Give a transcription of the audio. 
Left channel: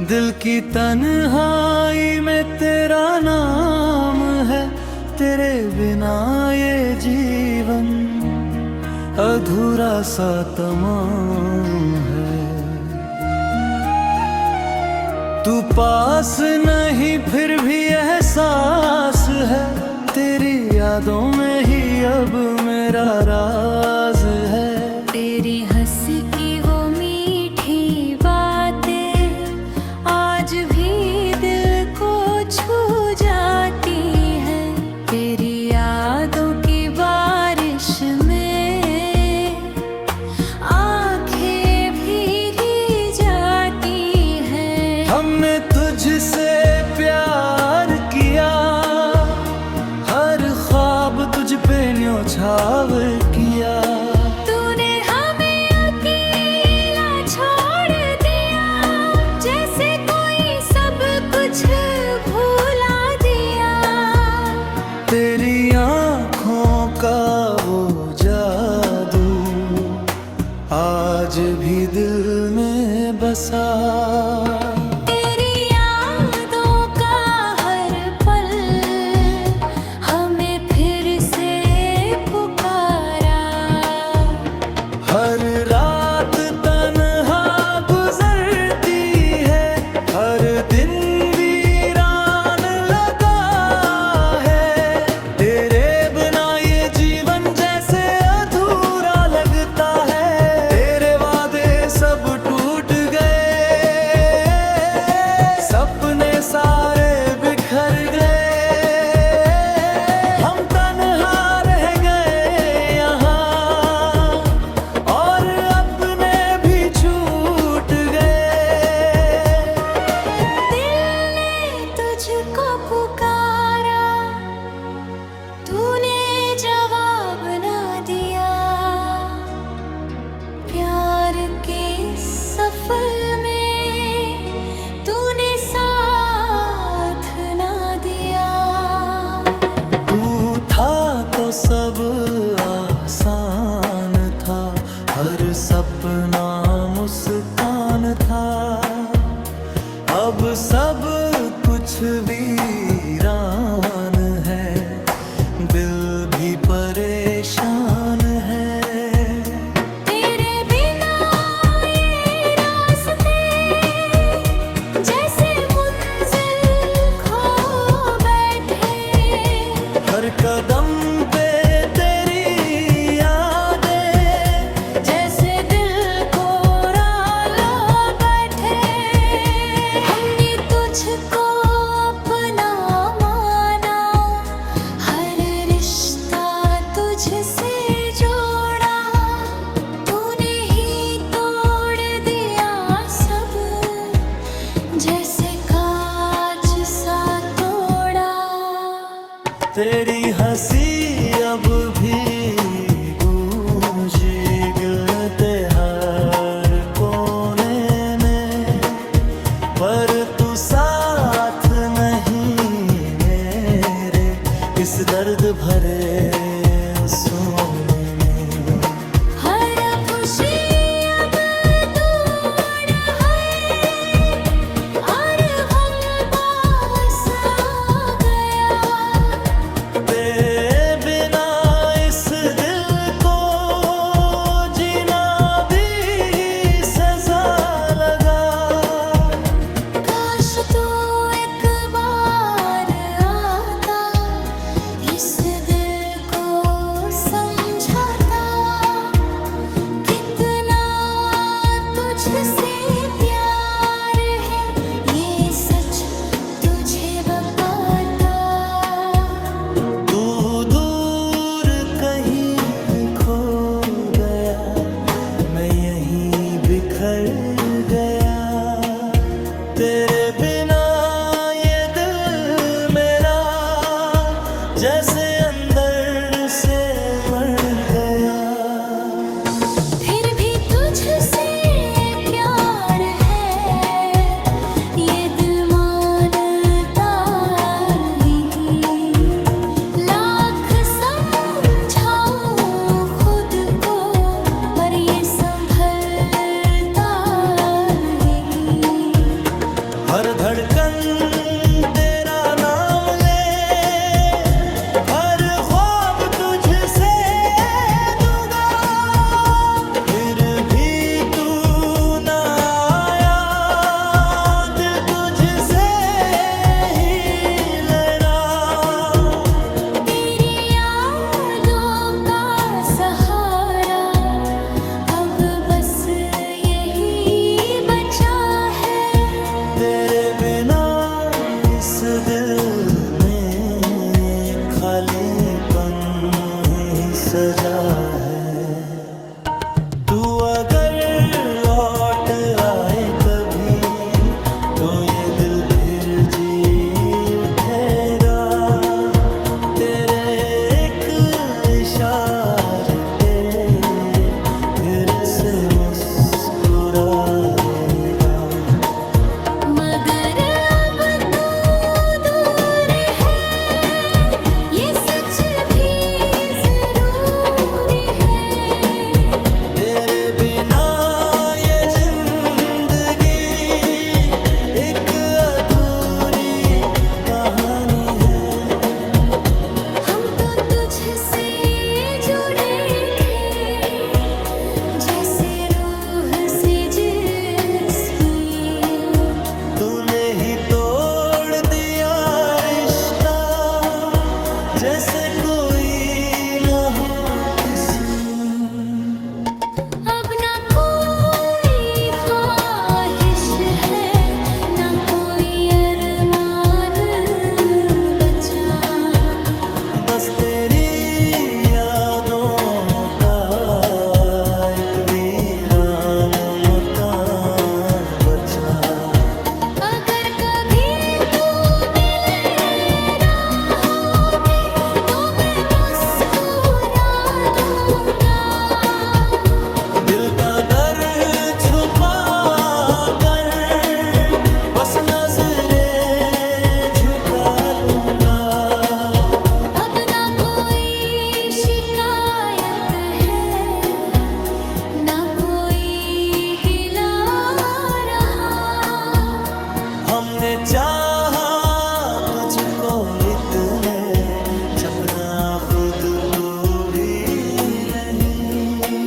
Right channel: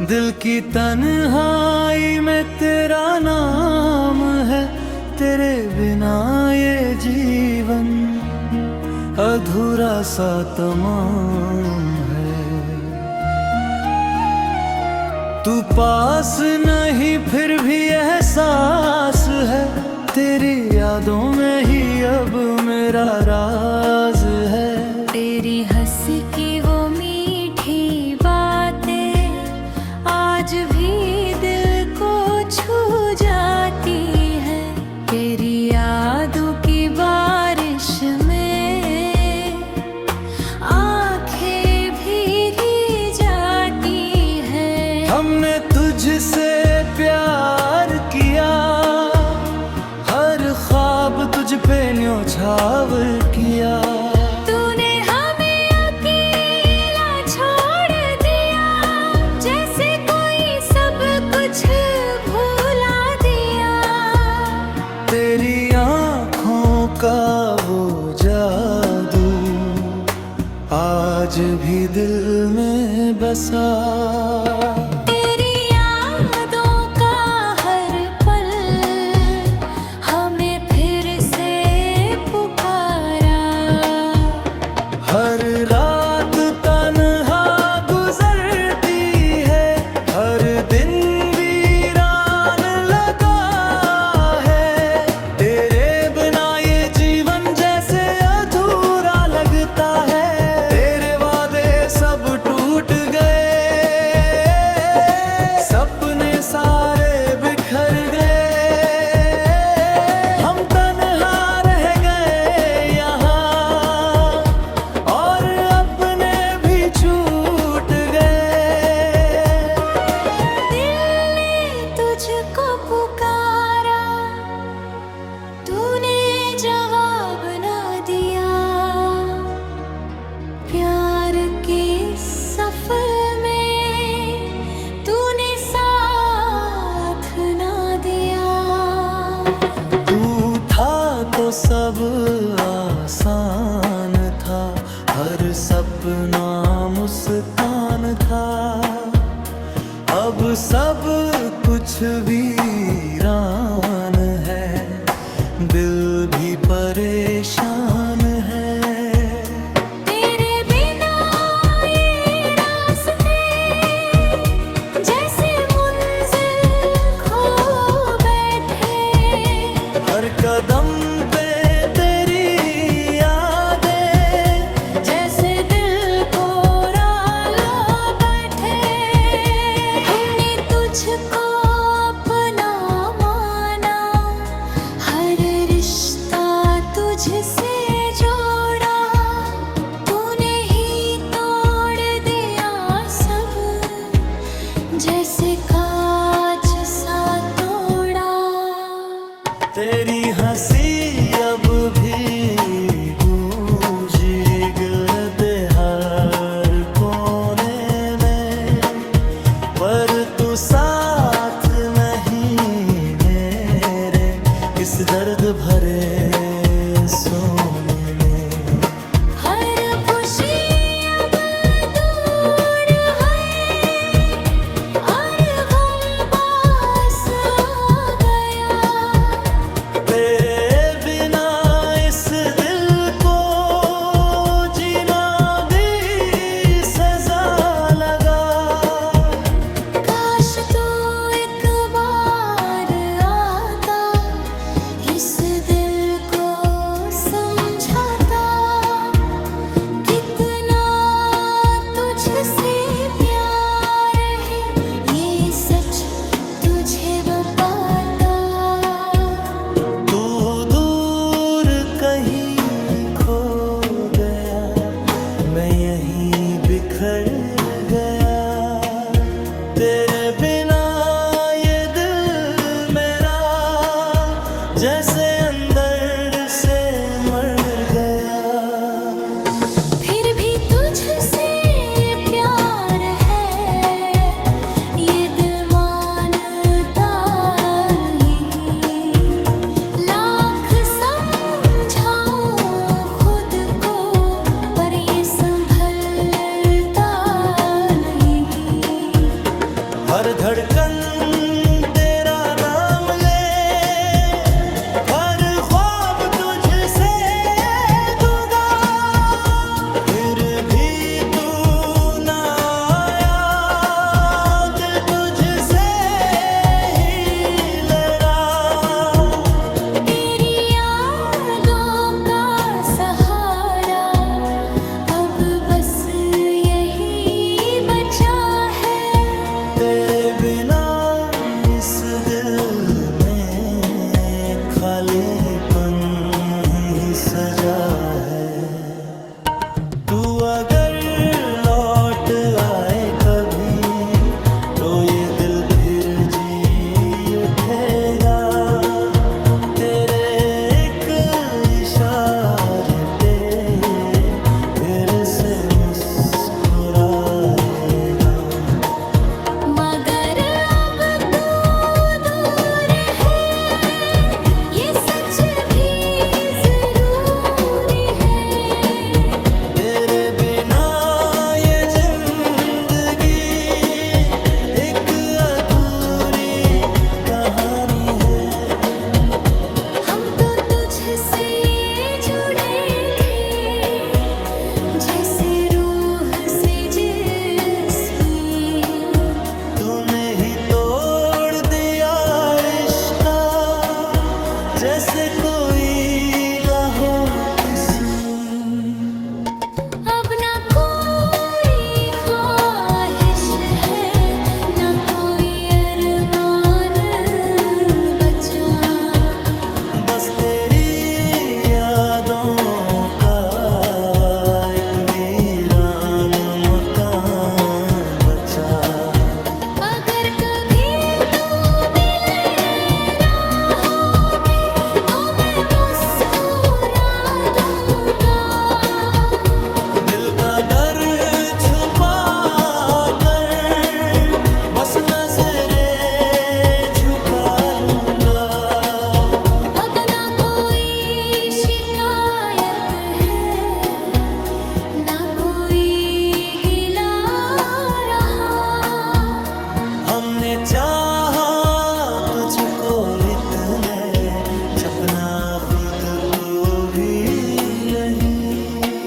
दिल की तन्हाई में तेरा नाम है, तेरे बिना ये जीवन अधूरा सा तमाम है। तू पास नहीं फिर भी एहसास है, तेरी यादों में ही अब मेरा राज है। तेरी हंसी की वो मीठी बातें आज भी दिल को छू जाती है। तेरी यादों की बारिश में आंखें भीगी जाती हैं। हमने तुझसे प्यार किया, हर ख्वाब तुझ पे न्योछावर किया। तूने हमें अकेला छोड़ दिया, जैसे कोई सब कुछ भुला दिया। तेरी आँखों का वो जादू आज भी दिल में बसा। तेरी यादों का हर पल हमें फिर से पुकारा। हर रात तन्हा गुजरती है, हर दिन वीरान लगा है। तेरे बिना ये जीवन जैसे अधूरा लगता है। तेरे वादे सब टूट गए, सपने सारे बिखर गए। हम तन्हा रह गए यहाँ और अपने भी छूट गए। दिल ने तुझको पुकारा, तूने जवाब ना दिया। प्यार के सफर में तूने साथ ना दिया। तू था तो सब आसान था, हर सपना मुस्कान था। अब सब कुछ वीरान है, दिल भी परेशान है। तेरे बिना ये रास्ते जैसे मंजिल खो बैठे। हर कदम पे तेरी यादें जैसे दिल को राला बैठे। हमने तुझको अपना माना, हर रिश्ता तुझसे जोड़ा। तूने ही तोड़ दिया सब, जैसे कांच सा तोड़ा। तेरी हंसी अब भी गूंजी गिरते हर कोने में, पर तू साथ नहीं मेरे इस दर्द भरे सोने में। हर खुशी अब दूर है और गम पास आ गया। तेरे बिना इस दिल को जीना भी सजा लगा। काश तू एक बार आता, इस दिल को समझाता। कितना तुझसे प्यार है, ये सच तुझे बताता। तू दूर कहीं खो गया, मैं यहीं बिखर गया। तेरे बिना ये दिल मेरा जैसे अंदर से मर गया। फिर भी तुझसे प्यार है, ये दिल मानता नहीं। लाख समझाऊं खुद को, पर ये संभलता नहीं। हर धड़कन तेरा नाम ले, हर ख्वाब तुझसे दूंगा, फिर भी तू ना आया, दिल तुझसे ही लड़ा। तेरी यादों का सहारा अब बस यही बचा है। तेरे बिना इस दिल में खालीपन ही सजा है। तू अगर लौट आए कभी तो ये दिल फिर जी उठेगा, तेरे एक इशारे पे फिर से मुस्कुराएगा। मगर अब तू दूर है, ये सच भी जरूरी है। तेरे बिना ये जिंदगी एक अधूरी कहानी है। हम तो तुझसे जुड़े थे, जैसे रूह से जिस्म। तूने ही तोड़ दिया रिश्ता, जैसे कोई ना हो किस्म। अब ना कोई ख्वाहिश है, ना कोई अरमान बचा। बस तेरी यादों का एक वीरान मकान बचा। अगर कभी तू मिले राहों में, तो मैं मुस्कुरा दूंगा। दिल का दर्द छुपा कर बस नजरें झुका लूंगा। अब ना कोई शिकायत है, ना कोई गिला रहा। हमने चाहा तुझको इतने, सपना खुद को भी नहीं।